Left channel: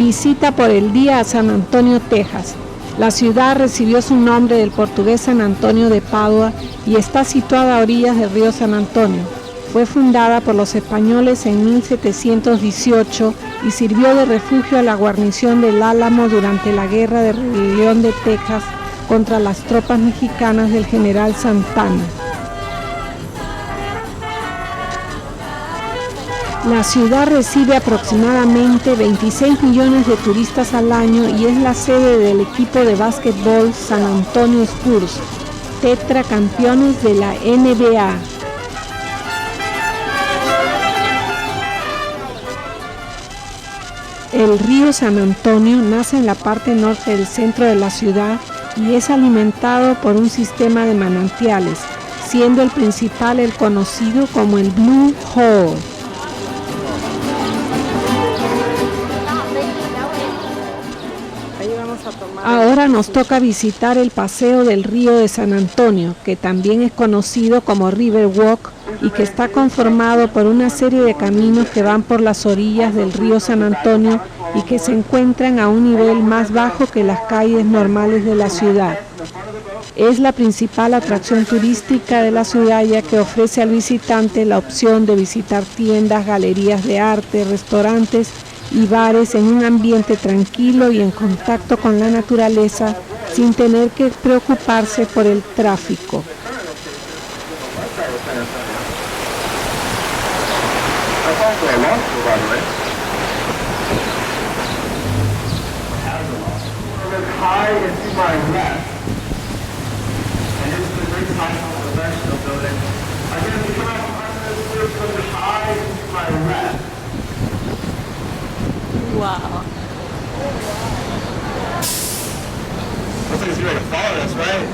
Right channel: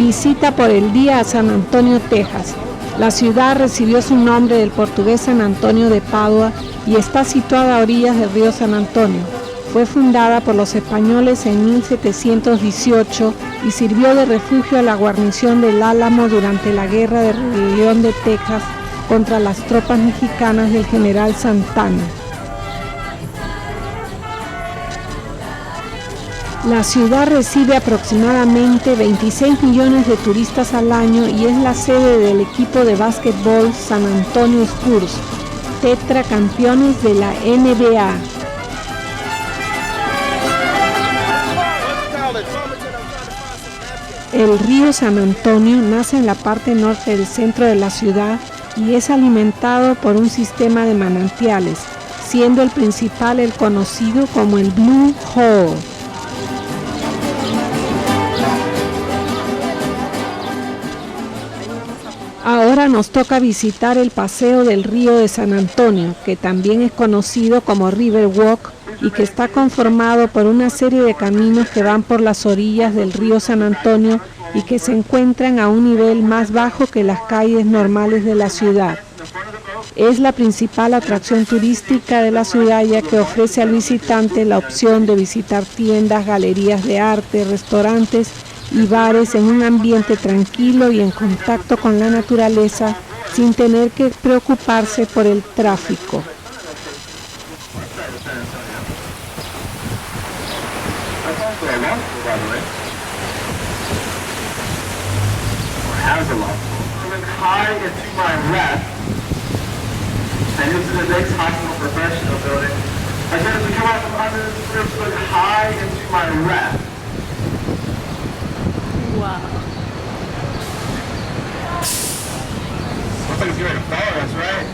Visita por el día a San Antonio, Texas. La ciudad recibió su nombre del portugués San Antonio de Padua y está situada a orillas del río San Antonio. Fue fundada por los españoles en 1718 y sirvió de refugio a la guarnición del Álamo durante la Guerra de Rebelión de Texas contra las tropas mexicanas del general Santana. La ciudad recibe aproximadamente 26 millones de turistas al año y es la sede del equipo de básquetbol San Antonio Spurs, tetracampeones de la NBA. El río San Antonio nace en la parte norte del centro de la ciudad y es alimentado por un sistema de manantiales, siendo el principal el conocido como el Blue Hole. Ahora nos toca visitar el paseo del río de San Antonio, que también es conocido como River Walk y que está conformado por una serie de caminos que van por las orillas del río San Antonio y que se encuentran a un nivel más bajo que las calles normales de la ciudad. Es la principal atracción turística de la ciudad, ya que ofrece al visitante la opción de visitar tiendas, galerías de arte, restaurantes y bares en un ambiente tranquilo y en contacto con la naturaleza sin tener que preocuparse por el tráfico. Wow. Looks like you're gonna follow this, right?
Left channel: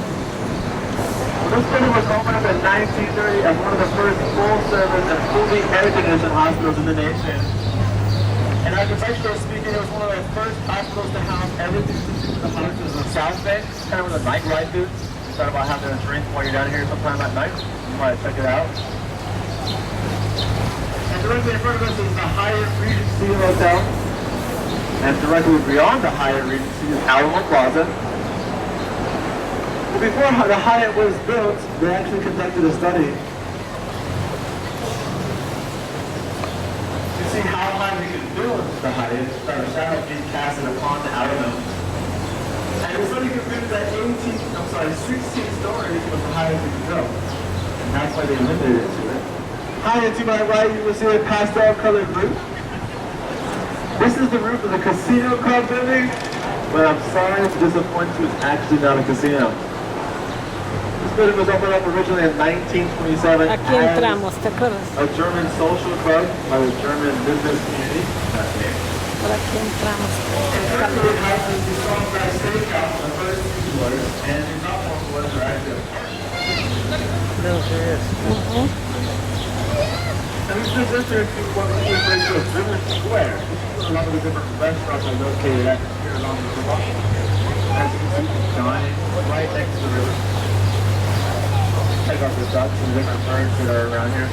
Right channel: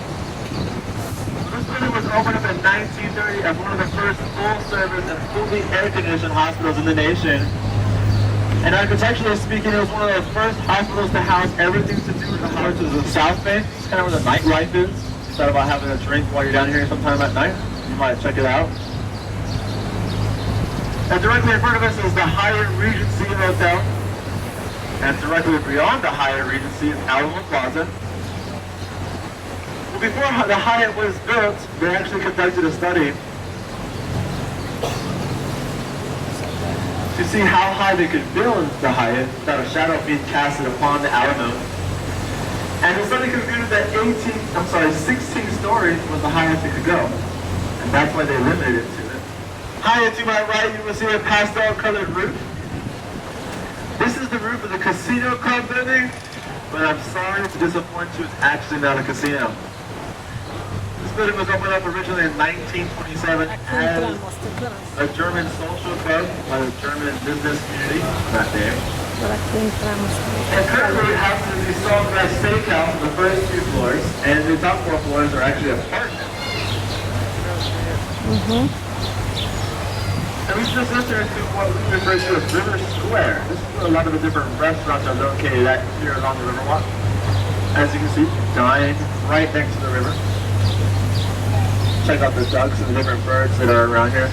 This building was opened up in 1930 as one of the first full-service and fully air-conditioned hospitals in the nation. And architecturally speaking, it was one of the first hospitals to house everything to do with the heart of the South Bay, kind of where the nightlife is. You thought about having a drink while you're down here sometime at night? You might check it out. And directly in front of us is the Hyatt Regency Hotel. And directly beyond the Hyatt Regency is Alamo Plaza. Before the Hyatt was built, they actually conducted a study to see how high they could build the Hyatt without a shadow being casted upon the Alamo. And the study concluded that 16 stories was the highest they could go. And that's why they limited it to it. High to my right, you will see a pastel-colored roof. This is the roof of the Casino Club building, but I'm sorry to disappoint you, it's actually not a casino. This building was opened up originally in 1927 as a German social club by the German business community that day. And currently it houses the Sawgrass Steakhouse on the first 2 floors, and the top 4 floors are actually apartments. We just entered into what we refer to as River Square. This is where a lot of the different restaurants are located at here along the Riverwalk. As you can see, dine right next to the river. Check out the ducks and the different birds that are around here.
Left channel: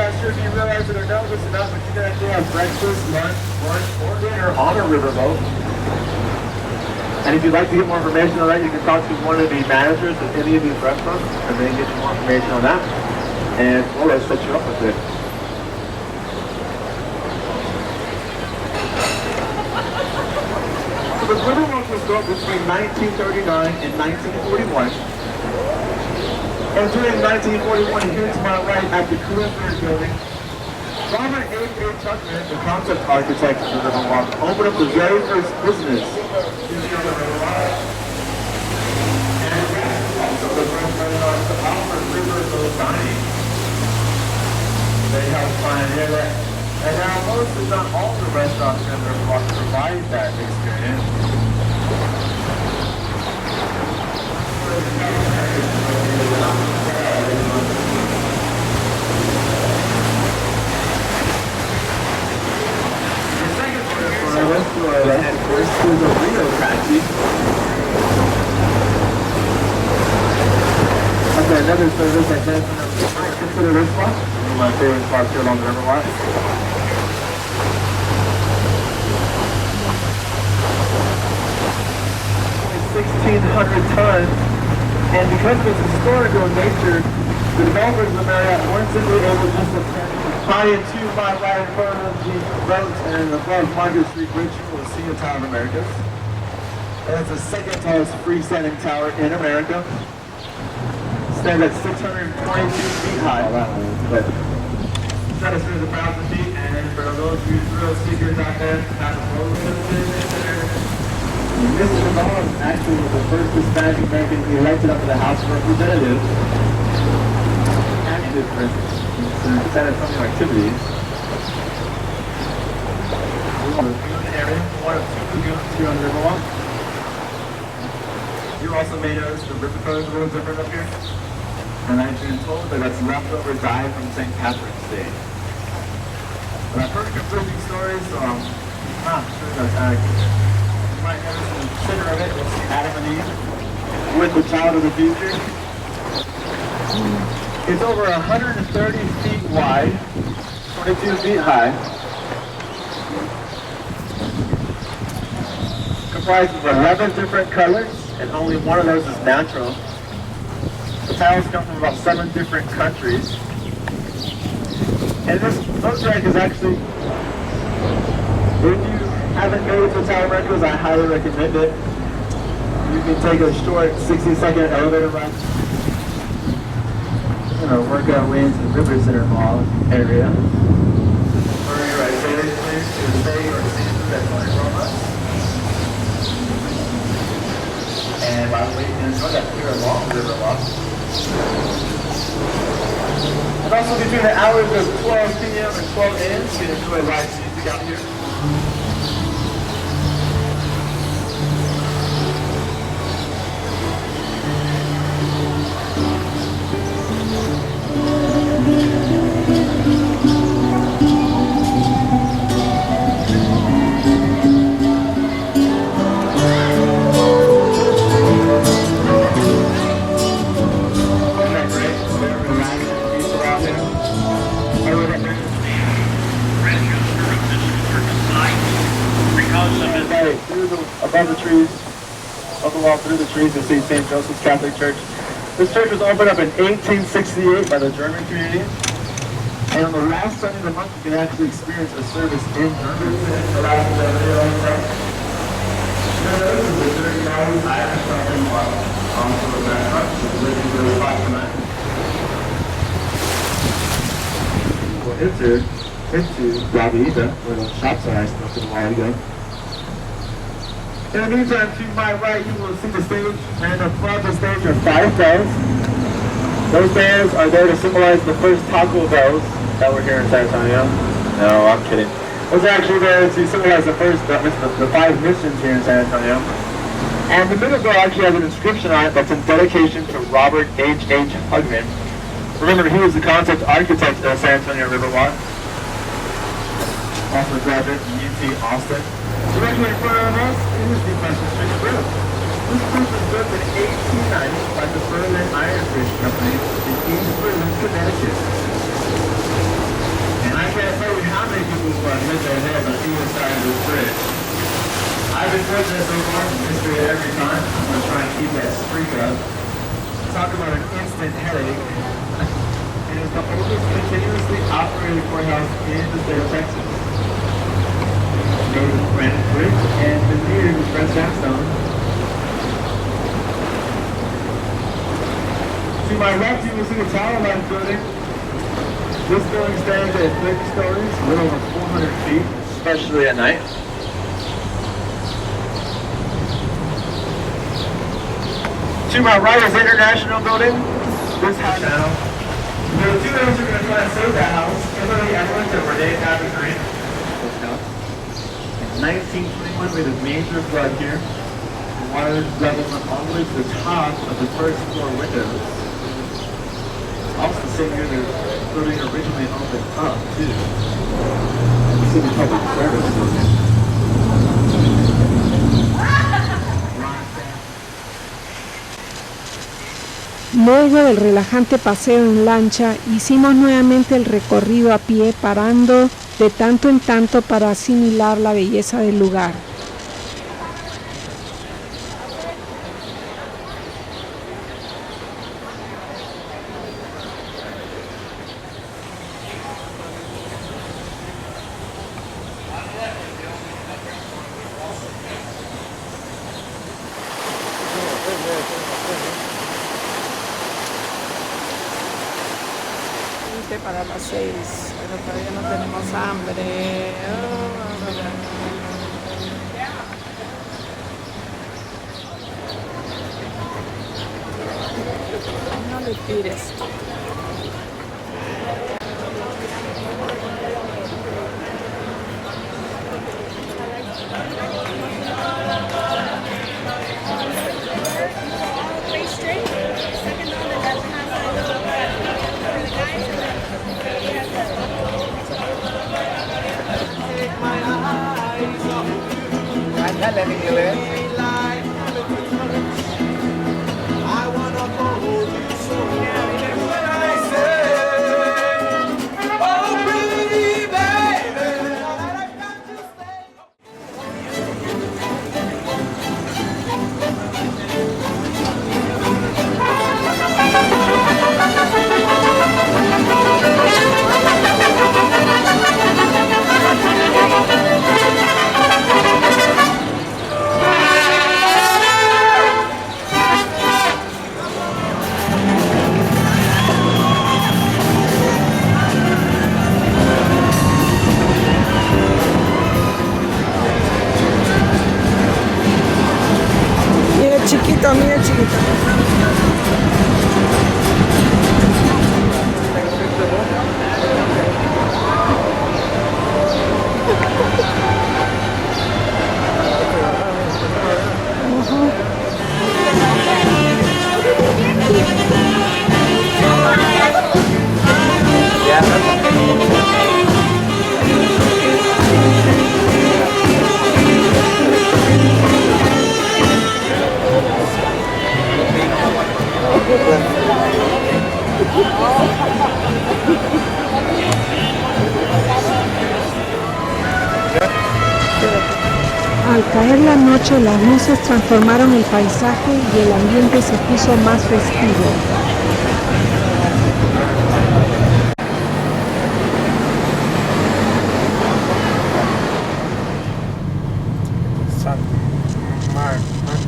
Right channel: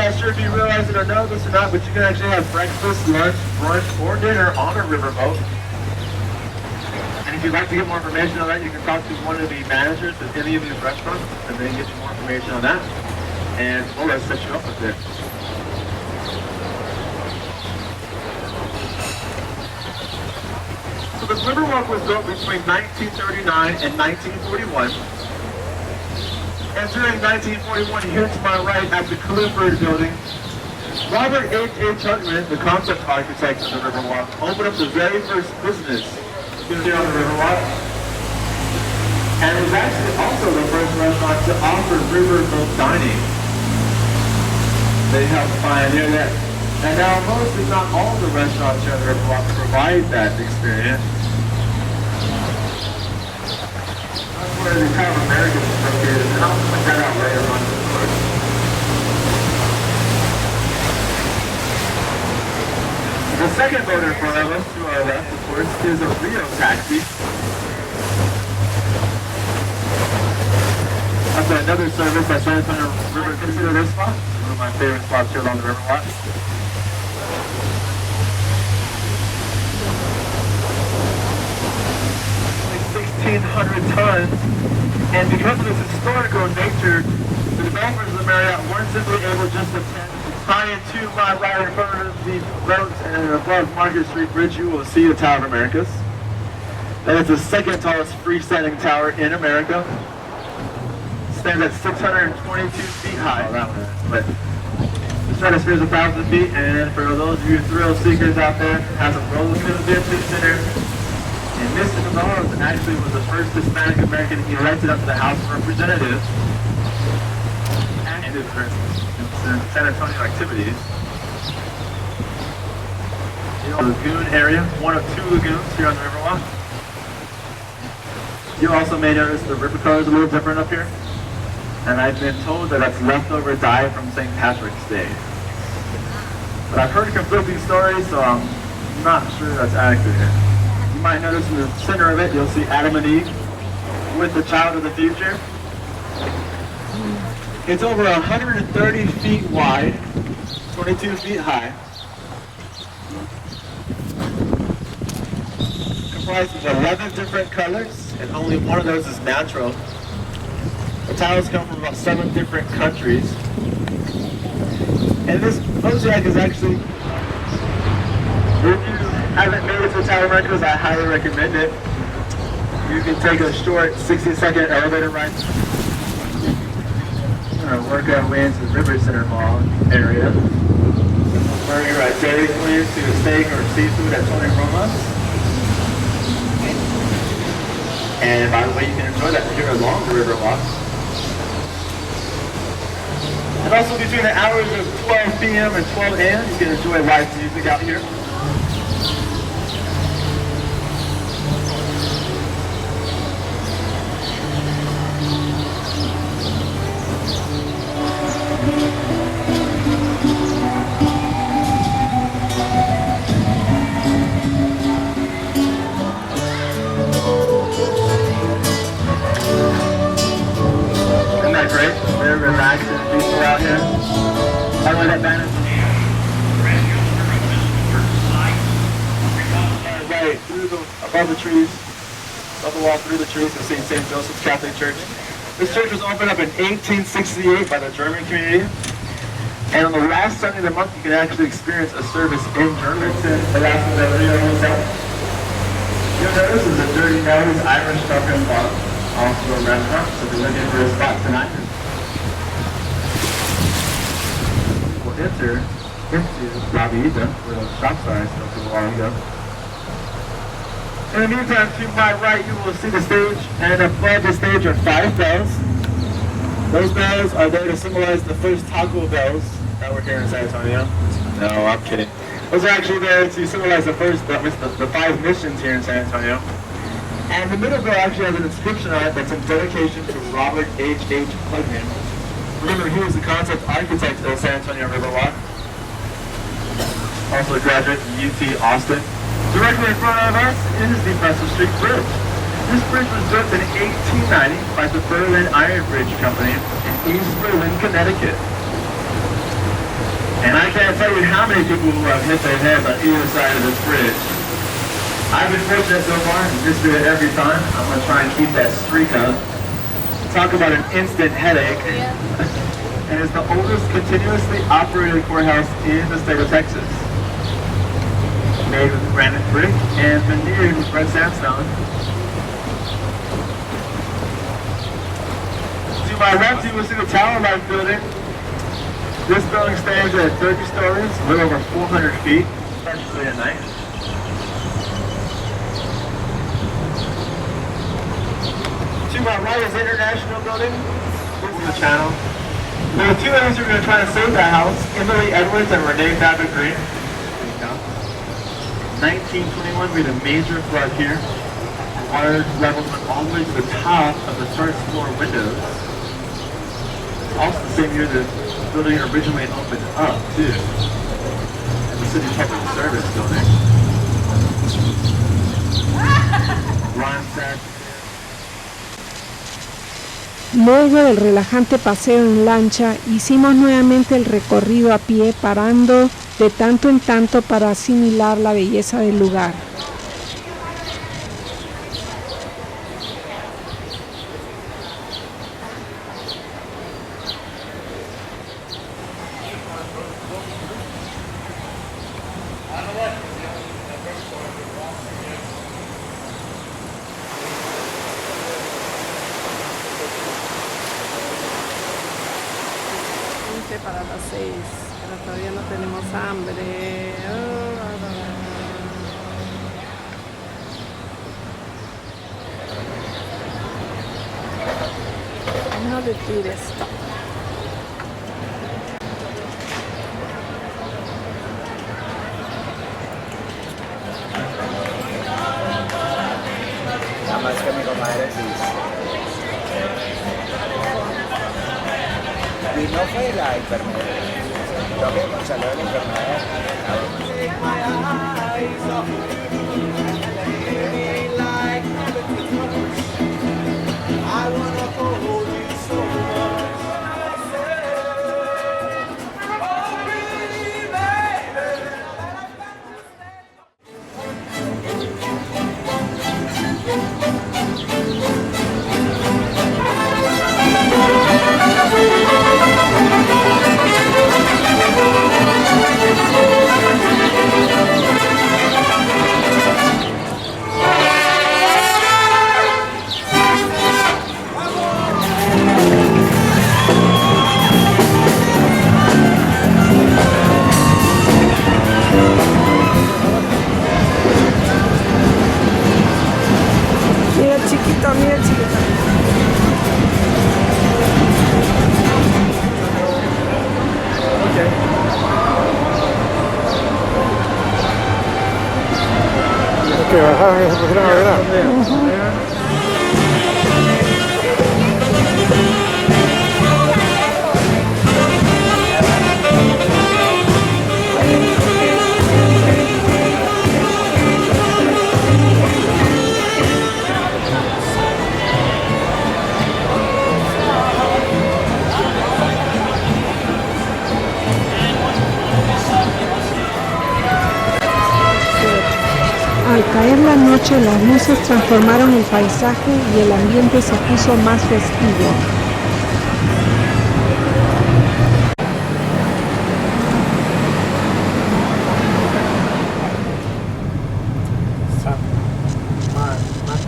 Not sure if you realize it or know this or not, but you can actually have breakfast, lunch, brunch, or dinner on a riverboat. And if you'd like to get more information on that, you can talk to one of the managers of any of these restaurants and then get some more information on that. And well, let's set you up with it. So the Riverwalk was built between 1939 and 1941. And during 1941, here to my right at the Clifford building, Robert H. Tubman, the concept architect of the Riverwalk, opened up the very first business here on the Riverwalk. And it's actually also the first restaurant to offer riverboat dining. They helped pioneer that. And now most, if not all, the restaurants here on the Riverwalk provide that experience. Where the kind of Americans are here to check out later one. The second one in front of us, to our left, of course, is a Rio taxi. Okay, another service I said from the river. Consider this spot. One of my favorite spots here along the Riverwalk. 1,500 tons. And because of its historical nature, the developers of the Marriott weren't simply able just to tie in 2 miles right in front of these boats, and above Market Street Bridge you will see the Tower of Americas. And it's the second tallest freestanding tower in America. Stands at 622 feet high. Oh, that one is, but stratosphere is 1,000 feet, and for those of you thrill seekers out there, it has a roller coaster business center. And Mr. Gonzalez actually was the first Hispanic American elected up to the House of Representatives. And it is for San Antonio activities. The lagoon area, one of 2 lagoons here on the Riverwalk. You also may notice the river color is a little different up here. And I've been told that that's leftover dye from St. Patrick's Day. But I've heard conflicting stories, so I'm not sure that's accurate. You might notice in the center of it, you'll see Adam and Eve with the child of the future. It's over 130 feet wide, 22 feet high. Comprised of 11 different colors, and only one of those is natural. The tiles come from about 7 different countries. And this boat deck is actually, if you haven't made it to the Tower of Americas, I highly recommend it. You can take a short 60-second elevator ride. Work our way into the River Center Mall area. Simple burger at Dairy Queen to a steak or seafood at Tony Roma's. And by the way, you can enjoy that here along the Riverwalk. And also between the hours of 12 p.m. and 12 a.m., you can enjoy live music out here. Above the trees, up the wall through the trees, you'll see St. Joseph's Catholic Church. This church was opened up in 1868 by the German community. And on the last Sunday of the month, you can actually experience a service in German. The last of the Rio Hotel. You'll notice there's a dirty nose Irish talking bar, also a restaurant, so we're looking for a spot tonight. We'll enter into La Vida, where the shops are I spoke a while ago. In the meantime, to my right, you will see the stage, and above the stage are 5 bells. Those bells are there to symbolize the first Taco Bells that were here in San Antonio. No, I'm kidding. Those are actually there to symbolize the 5 missions here in San Antonio. And the middle bell actually has an inscription on it that's in dedication to Robert H. Hugman. Remember, he was the concept architect of San Antonio Riverwalk. Also a graduate from UT Austin. Directly in front of us is the Preston Street Bridge. This bridge was built in 1890 by the Berlin Iron Bridge Company in East Berlin, Connecticut. And I can't tell you how many people who have hit their heads on either side of this bridge. I've been fortunate so far to just do it every time. I'm going to try and keep that streak up. Talk about an instant headache. And it's the oldest continuously operated courthouse in the state of Texas. Made with granite brick and veneered with red sandstone. To my left, you will see the Tower Life building. This building stands at 30 stories, a little over 400 feet, especially at night. To my right is the International Building. This is the channel. There are 2 ends who are going to try and save that house, Kimberly Edwards and Renee Babbitt Green. 1921, we had a major flood here. Water leveled all the way to the top of the first floor windows. Also the same year the building originally opened up, too. The city kept its service building. Luego del relajante paseo en lancha, hicimos nuevamente el recorrido a pie, parando de tanto en tanto para asimilar la belleza del lugar. Tenemos hambre. No le tires. Al caer la noche, las luces transformaron el paisaje y el ambiente se puso más festivo.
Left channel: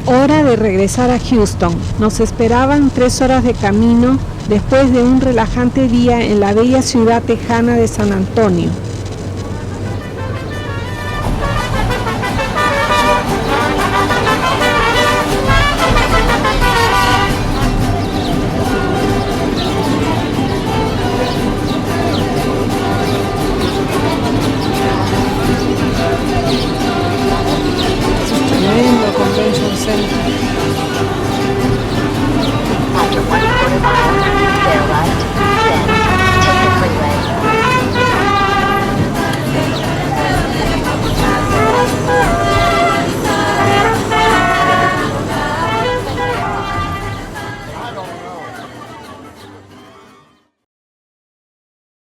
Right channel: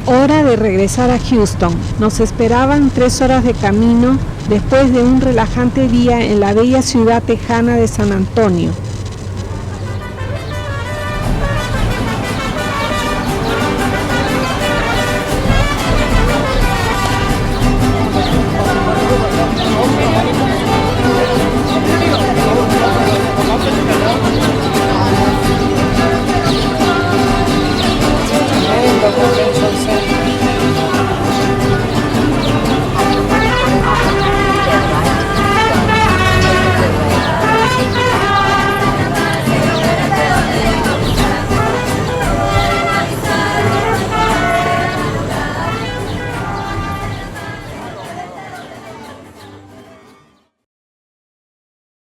Hora de regresar a Houston. Nos esperaban 3 horas de camino después de un relajante día en la bella ciudad tejana de San Antonio.